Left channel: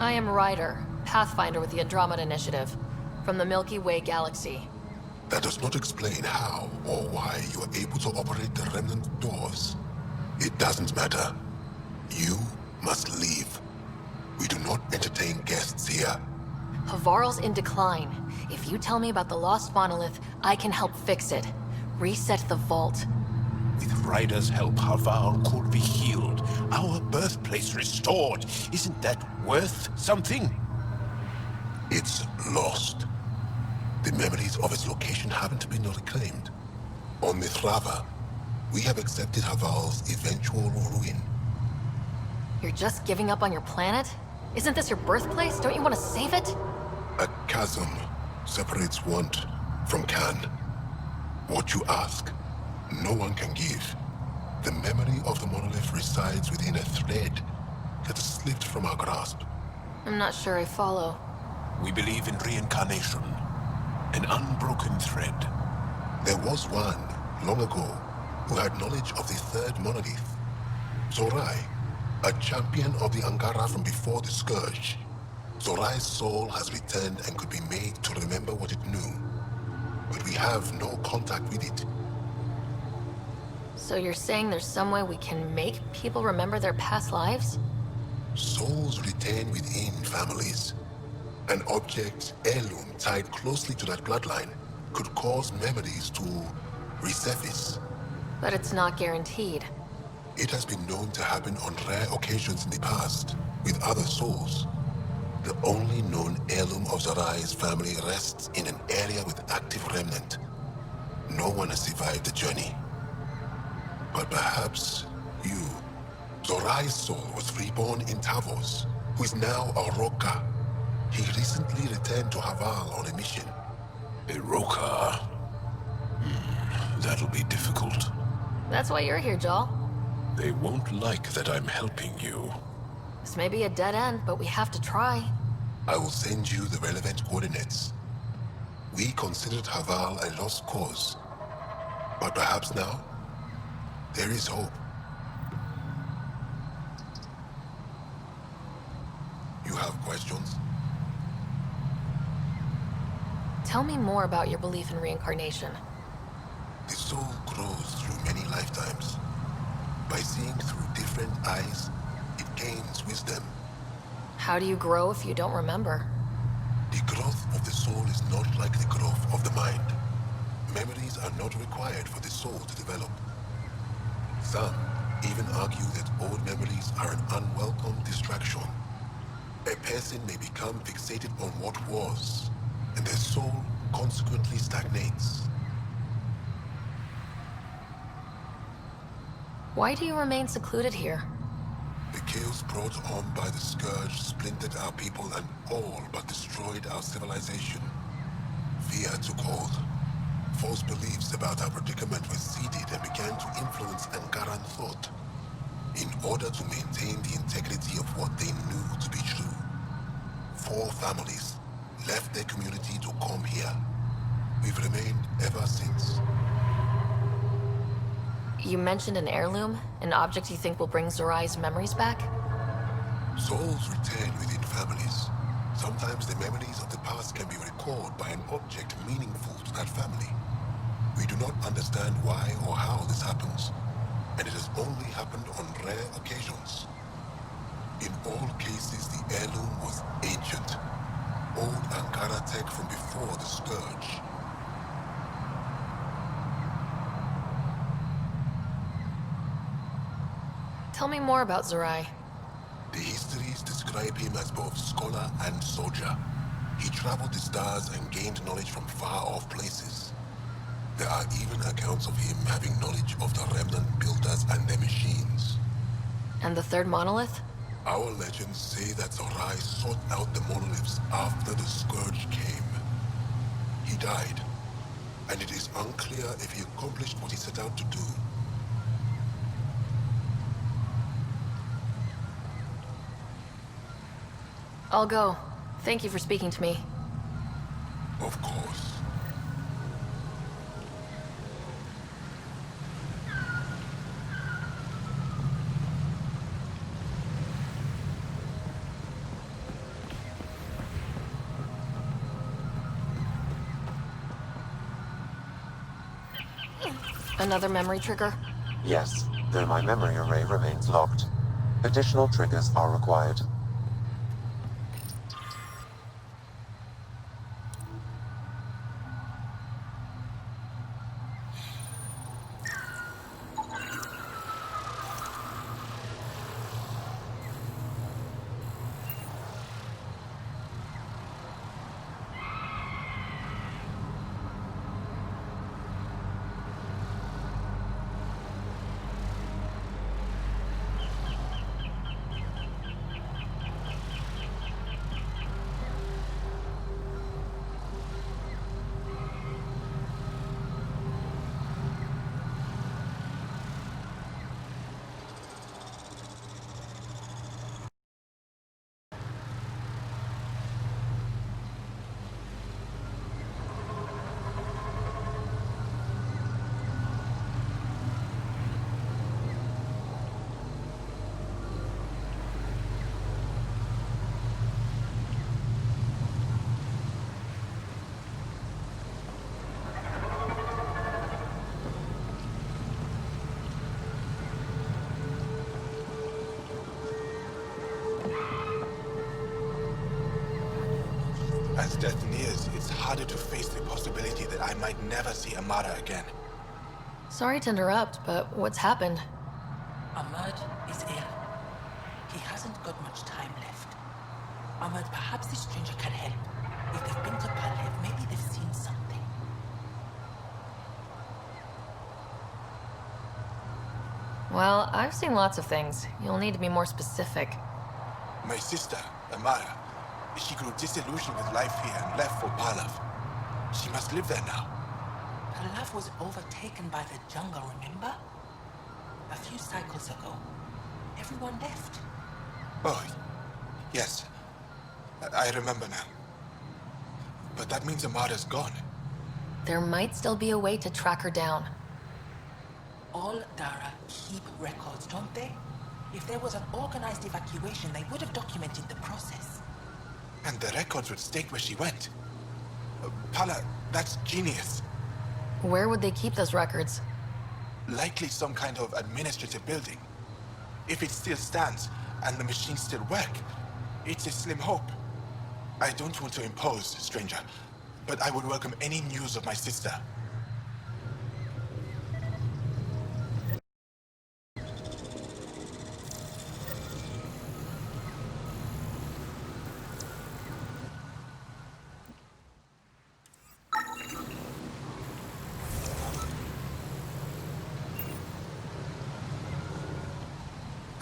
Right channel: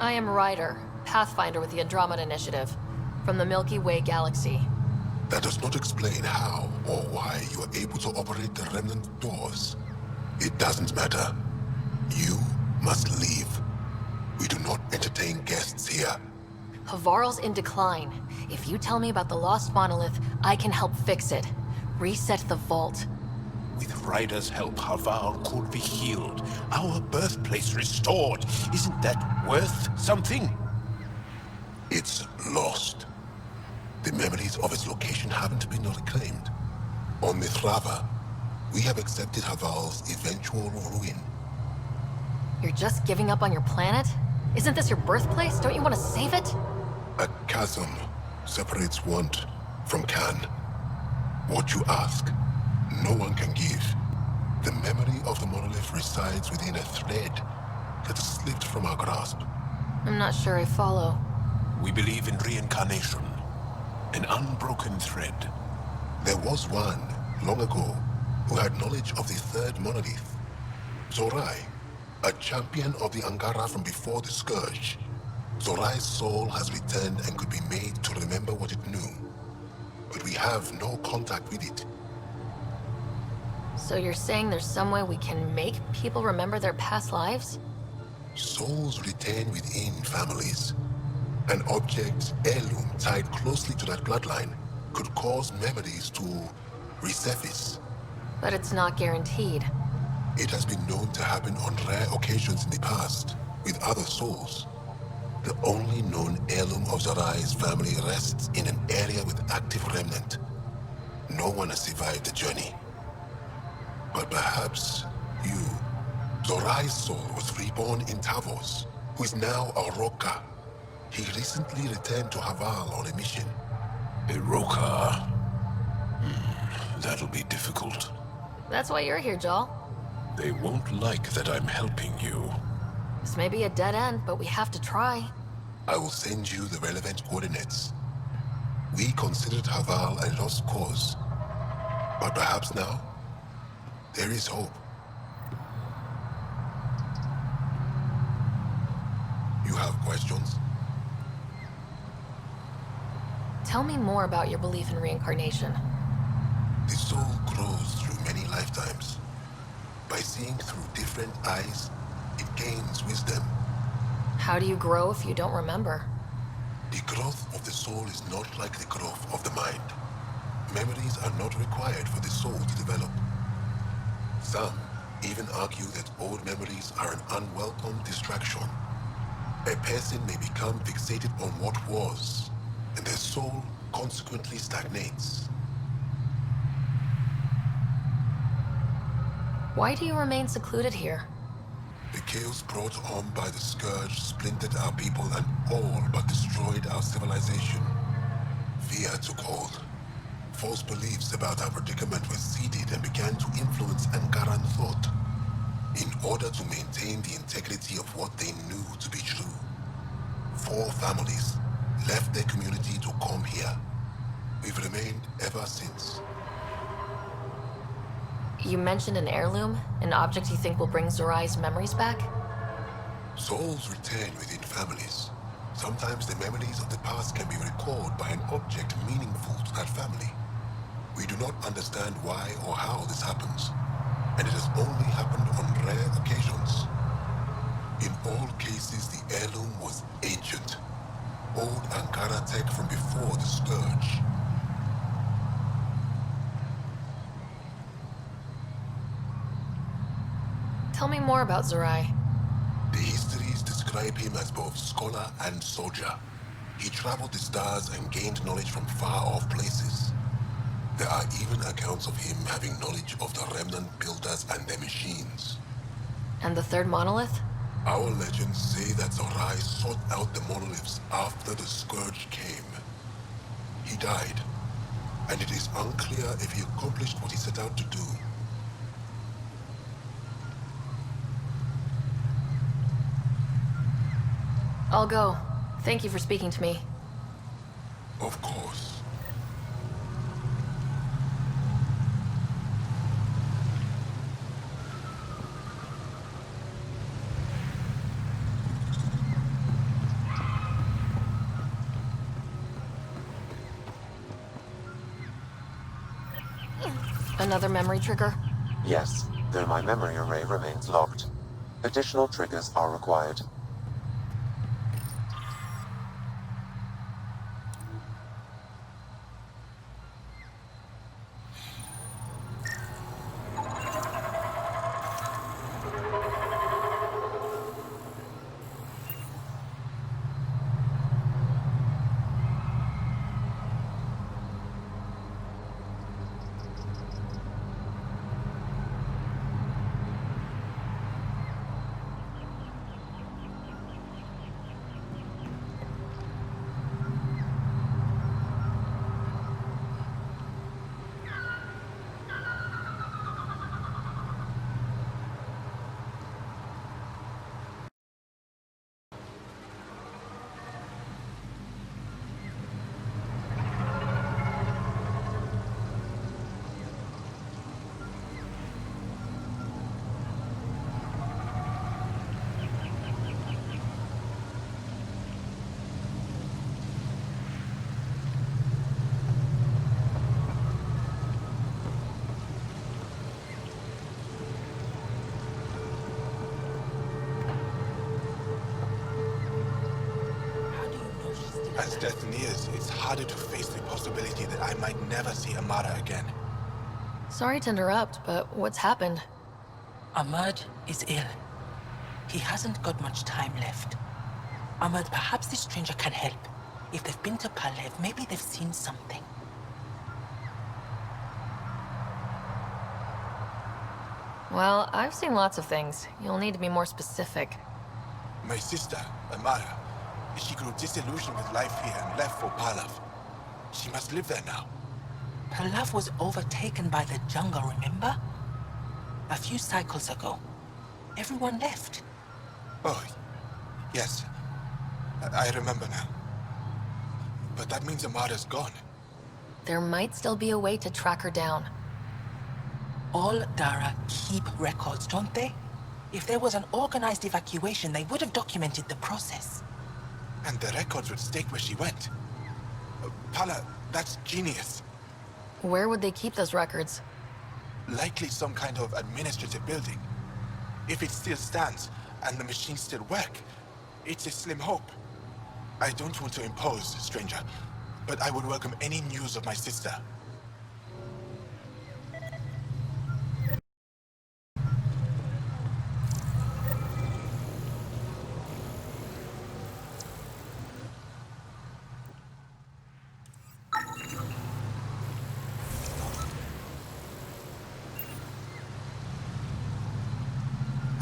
I am Ryder, Pathfinder with the Andromeda Initiative, from the Milky Way galaxy. That does not explain how or why you are able to operate the remnant doors. It doesn't matter. You must leave. We do not entertain guests here. Havarl's in decline. If you tell me about the lost monolith, I can help fix it. Reset the vault. With Ryder's help, Havarl could be healed. Our birthplace restored. Isn't that worth something? It's lost. The memories of its location haven't been reclaimed. On Mithrava, we have accepted Havarl's eventual ruin. You're just giving up on your planet? Isn't this your birthplace? Don't you want to save it? A chasm separates want from can. What you ask, no one can give. The memory of the monolith resides within a thread that has slipped from our grasp. I'm not sure I follow. We believe in reincarnation. An unbroken thread. There was one, long ago, who had knowledge of the third monolith. Zorai, a champion of the Angara from before the Scourge. Zorai's soul has returned and could be made to remember what it knew. But we have no contact with it. So you're saying there's some way we can make people remember their past lives? Souls retain within families. An object, heirloom tied closely to that bloodline could cause memories to resurface. But it's not guaranteed. It has been known to happen on rare occasions in the past, with other souls. The only known heirloom of Zorai's family rests in an area with active remnant. No one has survived the journey. But perhaps you. Zorai's soul was reborn in Tavos, who is now a Roka. He recently returned to Havarl on a mission. Iroka. That'll be difficult. That's why you're here, Jal. They won't like that I'm helping you. This may be a dead end, but we have to try. I will send you the relevant coordinates. We considered Havarl a lost cause. But perhaps now, there is hope. You have questions? Tell me more about your belief in reincarnation. The soul grows through many lifetimes. By seeing through different eyes, it gains wisdom. How do you grow if you don't remember? The growth of the soul is not like the growth of the mind. Memories are not required for the soul to develop. Some even argue that old memories are an unwelcome distraction. A person may become fixated on what was, and their soul consequently stagnates. Why do you remain secluded here? The chaos brought on by the Scourge splintered our people and all but destroyed our civilization. Fear took hold. False beliefs about our predicament were seeded and began to influence Angaran thought, in order to maintain the integrity of what they knew to be true. 4 families left their community to come here. We've remained ever since. You mentioned an heirloom, an object you think will bring Zorai's memories back? Souls return within families. Sometimes the memories of the past can be recalled by an object meaningful to that family. We do not understand why or how this happens, and it has only happened on rare occasions. In all cases, the heirloom was ancient. Old Ankara tech from before the Scourge. Tell me more about Zorai. The histories describe him as both scholar and soldier. He traveled the stars and gained knowledge from far-off places. There are even accounts of him having knowledge of the remnant builders and their machines. And the third monolith? Our legends say that Zorai sought out the monoliths after the Scourge came. He died, and it is unclear if he accomplished what he set out to do. I'll go. Thank you for speaking to me. Of course. Another memory trigger? Yes, though my memory array remains locked. Additional triggers are required. As death nears, it's harder to face the possibility that I might never see Amara again. Sorry to interrupt, but what's happened? Ahmad is ill. He hasn't got much time left. Ahmad, perhaps this stranger can help. If they've been to Palev, maybe they've seen something. Well, I've seen lots of things. You'll need to be more specific. My sister, Amara, she grew disillusioned with life here and left for Palav. She must live there now. Palev was overtaken by the jungle, remember? A few cycles ago. Everyone left. Oh, yes. I remember now. But that means Amara's gone. There might still be a way to track her down. All Dara keep records, don't they? If there was an organized evacuation, they would have documented the process. And the records would state where she went. Pala, that's genius. Where would they keep those records? Likely some kind of administrative building. If it still stands, and the machines still work, it's a slim hope. I don't want to impose, stranger, but I would welcome any news of my sister.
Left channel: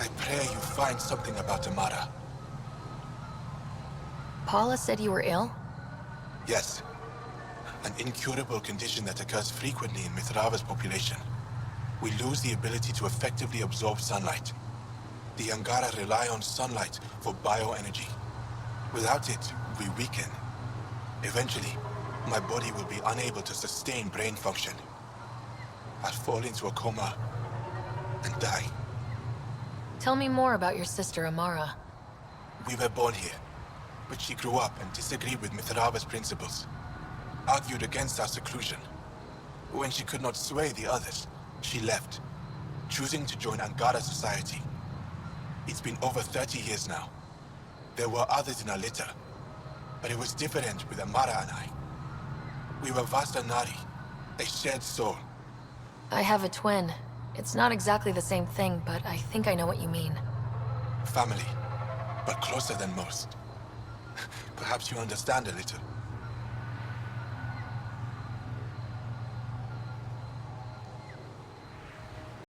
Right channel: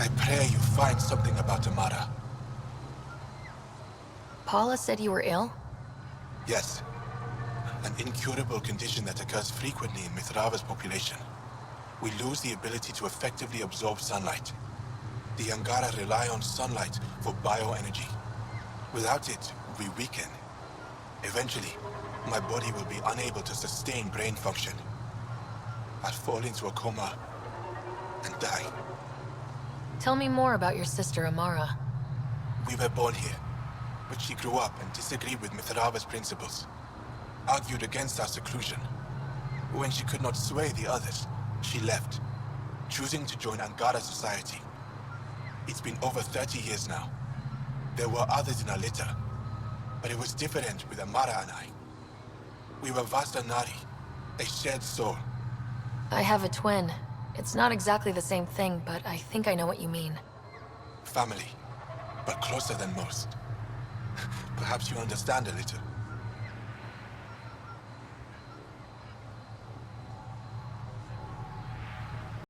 I pray you find something about Amara. Paula said you were ill? Yes. An incurable condition that occurs frequently in Mithrava's population. We lose the ability to effectively absorb sunlight. The Angara rely on sunlight for bioenergy. Without it, we weaken. Eventually, my body will be unable to sustain brain function. I'll fall into a coma and die. Tell me more about your sister, Amara. We were born here, but she grew up and disagreed with Mithrava's principles. Argued against our seclusion. When she could not sway the others, she left, choosing to join Angara society. It's been over 30 years now. There were others in our litter, but it was different with Amara and I. We were Vasta Nari, a shared soul. I have a twin. It's not exactly the same thing, but I think I know what you mean. Family, but closer than most. Perhaps you understand a little.